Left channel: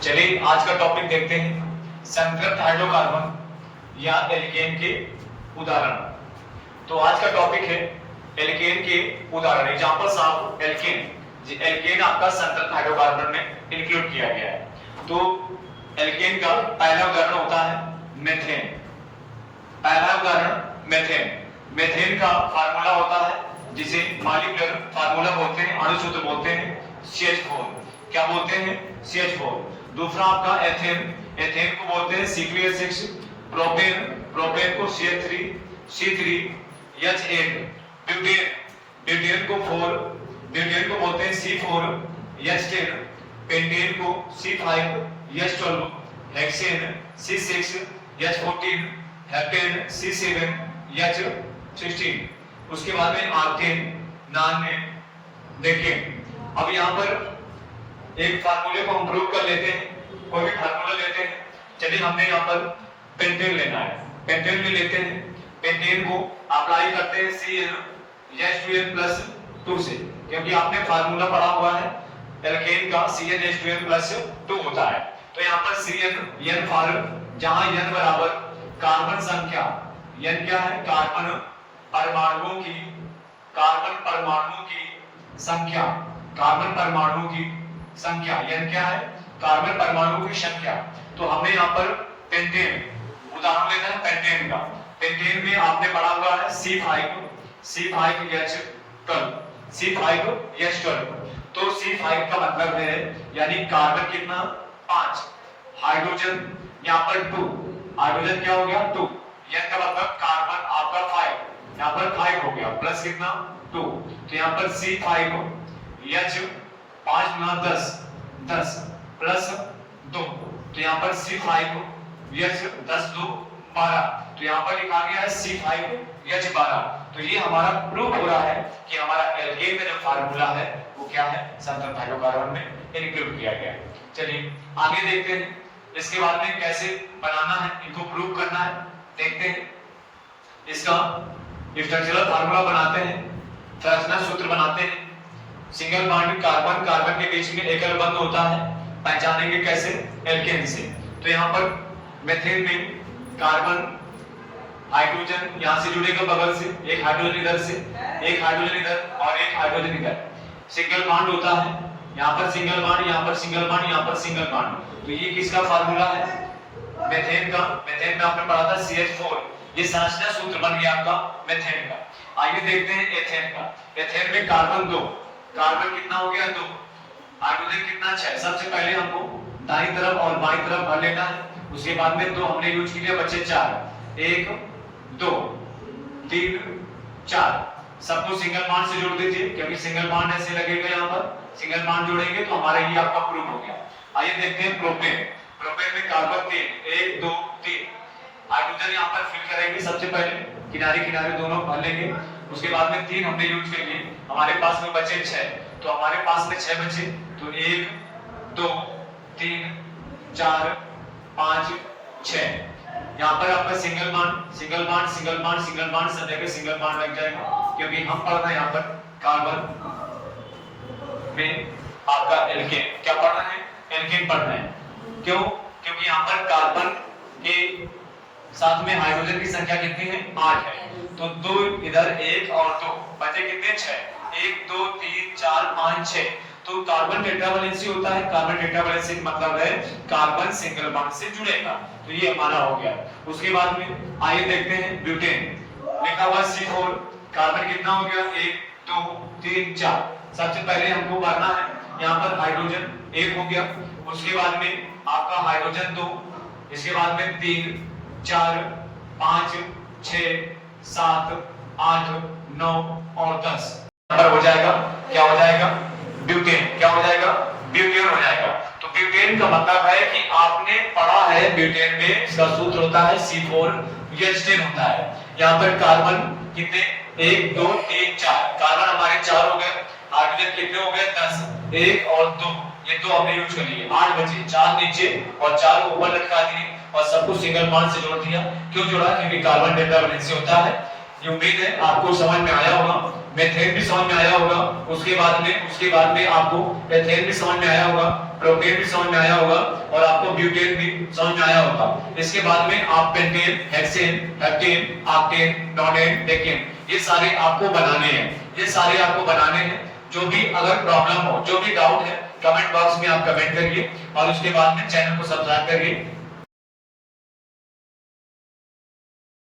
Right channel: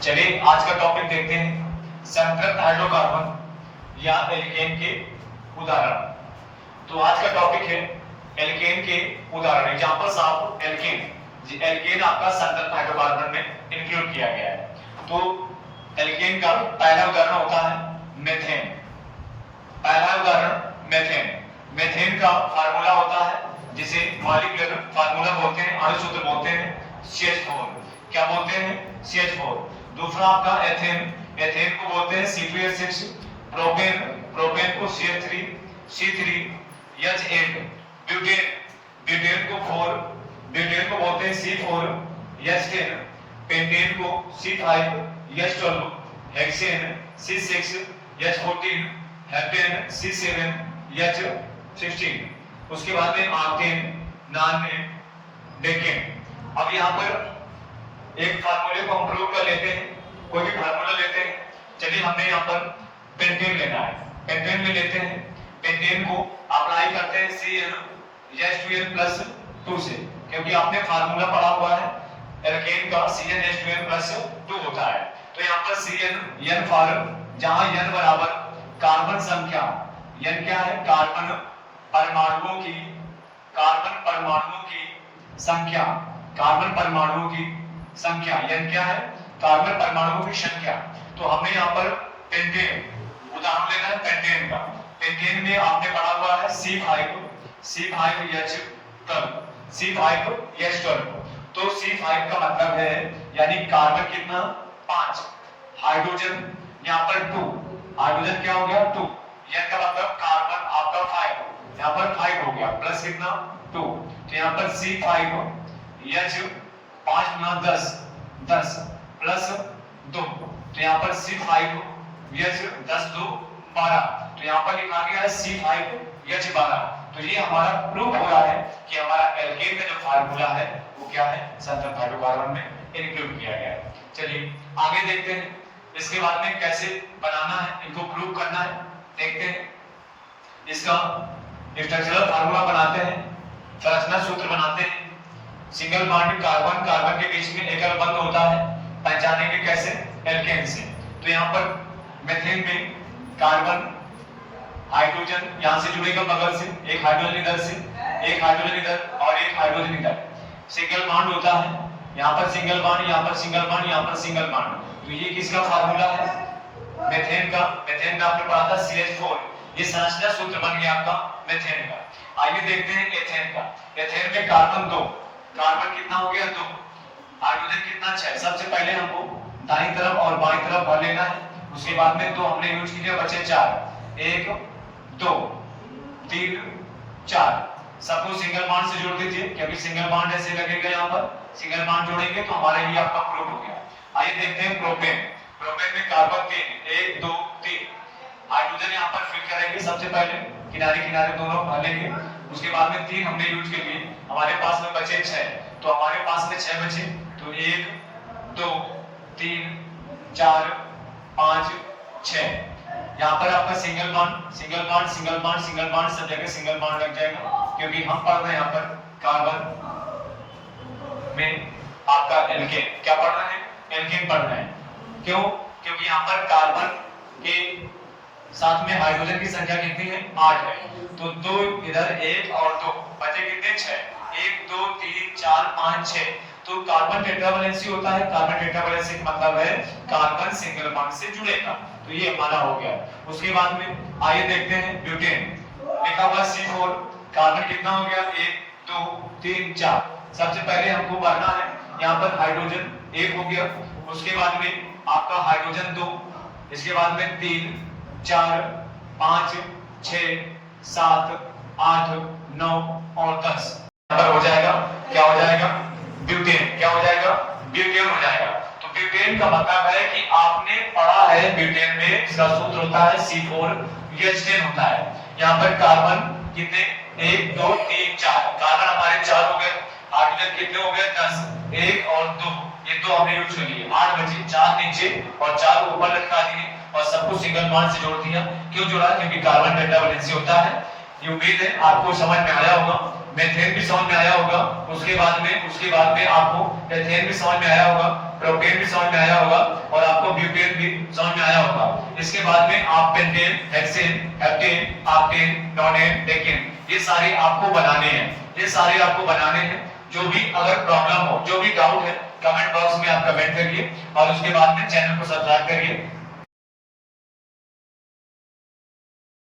चलिए आज का टॉपिक देखते हैं, संतृप्त हाइड्रोकार्बन या एल्केन के उदाहरण। तो आज का टॉपिक है एल्केन के उदाहरण, एग्जांपल्स ऑफ एल्केन। एल्केन आपका संतृप्त हाइड्रोकार्बन में इंक्लूड किया गया है। तो एल्केन का पहला उदाहरण होता है मेथेन। पहला उदाहरण मेथेन। मेथेन का फार्मूला होता है जिसे मॉलिक्यूलर फार्मूला बोलते हैं, अणु सूत्र बोलते हैं CH4। क्या बोलते हैं? CH4। दूसरा आपका एथेन। एथेन को बोलते हैं C2H6। प्रोपेन, प्रोपेन को C3H8। ब्यूटेन, ब्यूटेन को ब्यूटेन को बोलते हैं C4H10। पेंटेन को C5H12। Hexane C6H14। Heptane C7H16। उसके बाद में आर्टेन, नानमेन, डेकेन। अब यहाँ पर एक फार्मूले को हम प्रूव कर लेते हैं, कोई भी फार्मूला लेते हैं। चलिए हमने यहाँ पर पेंटेन लेना है, पेंटेन भी लेते हैं। पेंटेन को अप्लाई करते हैं CnH2n+2 से, क्योंकि आपने फार्मूला पढ़ा हुआ है एल्केन का CnH2n+2 होता है। तो यहाँ पर Cn फॉर, जहां n बराबर कार्बन संख्या, n क्या है? कार्बन परमाणुओं की संख्या, कार्बन परमाणुओं की संख्या। n क्या है? कार्बन परमाणुओं की संख्या। तो हमें यहाँ पर पेंटेन उदाहरण लेना है पेंटेन का। पेंटेन में आपने पढ़ा हुआ है C5H12। तो C5 का मतलब है यानी कार्बन कितना? 5। हाइड्रोजन यहाँ पर 2, हाइड्रोजन क्या हो गया? 2। n का मतलब कार्बन आपका 5, यहाँ पर 5 हो गया, प्लस कितना? 2। तो यहाँ पर C5H5 10 प्लस 2। तो यहाँ पर C5H 10 2 12। तो यहाँ पर लिखा गया है C5H12। तो ये हमारा प्रूफ हो रहा है कि हमारा एल्केन का जो फार्मूला है वो क्या है? संतृप्त हाइड्रोकार्बन में इंक्लूड किया गया है। चलिए आगे देखते हैं इसके बाद में कैसे बनाना है, इनको प्रूव करना है। देखते हैं इसका स्ट्रक्चरल फार्मूला बनाते हैं, संरचना सूत्र बनाते हैं। सिंगल बॉन्ड कार्बन, कार्बन के बीच में एकल बंध होता है, पहचानेंगे कैसे? एल्केन से। तो यहाँ पर मेथेन में कार्बन, हाइड्रोजन यहाँ से जुड़ेगा बगल से, एक हाइड्रोजन इधर से, एक हाइड्रोजन इधर और एक हाइड्रोजन इधर। सिंगल बॉन्ड होता है, यहाँ पर सिंगल बॉन्ड, यहाँ पर सिंगल बॉन्ड, यहाँ पर सिंगल बॉन्ड। तो ये किसका फार्मूला है? मेथेन का। मेथेन में आपने पढ़ा था CH4। ये संरचना सूत्र बन गया आपका मेथेन का। आइए देखते हैं एथेन का। एथेन में कार्बन 2, कार्बन कितना हो गया? 2। हाइड्रोजन कितना? 6। सबसे पहले हमको दाईं तरफ और बाईं तरफ भर लेना है। उसके बाद में 2 हमने यूज किया, बचे 4। 1 2 3 4। सबको सिंगल बॉन्ड से जोड़ दीजिए, क्योंकि सिंगल बॉन्ड ऐसे लगेगा। यहाँ पर सिंगल बॉन्ड जोड़ेंगे तो हमारे लिए आपका प्रूफ हो गया। आइए देखते हैं प्रोपेन। प्रोपेन में कार्बन 3, 1 2 3। हाइड्रोजन यहाँ पर फिल करेंगे, सबसे पहले किनारे किनारे दोनों भर लेंगे। उसके बाद में 3 हमने यूज कर लिए, हमारे पास में बचे 6। तो हमारे पास में 6 बचे। तो 1 2 3 4 5 6। यहाँ पर आपका single bond, single bond, single bond, single bond, सब जगह सिंगल बॉन्ड लग जाएगा, क्योंकि हम पढ़ रहे हैं यहाँ पर कार्बन में आपका एल्केन। क्या पढ़ रहे हैं? एल्केन पढ़ रहे हैं। क्यों? क्योंकि यहाँ पर कार्बन के साथ में हाइड्रोजन की संख्या कितनी है? 8 है। तो 2 इधर, 1 और 2, बचे कितने? 6। 1 2 3 4 5 6। तो कार्बन टेट्रावैलेंसी होता है। कार्बन टेट्रावैलेंसी का मतलब है कार्बन सिंगल बॉन्ड से जुड़ेगा। तो ये हमारा हो गया। उसके बाद में आइए देखते हैं ब्यूटेन। लिखा हुआ C4। कार्बन कितना हो गया? 1 2 3 4। सबसे पहले हमको भरना है, यहाँ पर हाइड्रोजन 1 हो गया। उसके बाद में आपका हाइड्रोजन 2, इसके बाद में 3 4 5 6 7 8 9 और 10 नंबर हो जाएगा। क्या हो जाएगा? ब्यूटेन। क्या हो जाएगा? ब्यूटेन हो जाएगा। तो ब्यूटेन का मतलब है कि आपने पढ़ा है ब्यूटेन में इसका सूत्र होता है C4H10 होता है। यहाँ पर कार्बन कितने? 1 2 3 4। कार्बन हमारे 4 हो गए। हाइड्रोजन कितने हो गए? 10। 1 और 2, ये 2 हमने यूज कर लिए, 8 बचे। 4 नीचे और 4 ऊपर लटका दिए और सबको सिंगल बॉन्ड से जोड़ दिया। क्यों जोड़ा? क्योंकि कार्बन टेट्रावैलेंसी होता है। ये उम्मीद है आपको समझ में आया होगा। मेथेन भी समझ में आया होगा। उसके बाद में आपको एथेन भी समझ में आया होगा। प्रोपेन भी समझ में आया होगा और आपको ब्यूटेन भी समझ में आया होगा। इसके बाद में आप pentane, hexane, heptane, octane, नोनेन, decane ये सारे आपको बनाने हैं, ये सारे आपको बनाने हैं। जो भी अगर प्रॉब्लम हो, जो भी डाउट है कमेंट बॉक्स में आप कमेंट करिए और उसके बाद में चैनल को सब्सक्राइब करिए।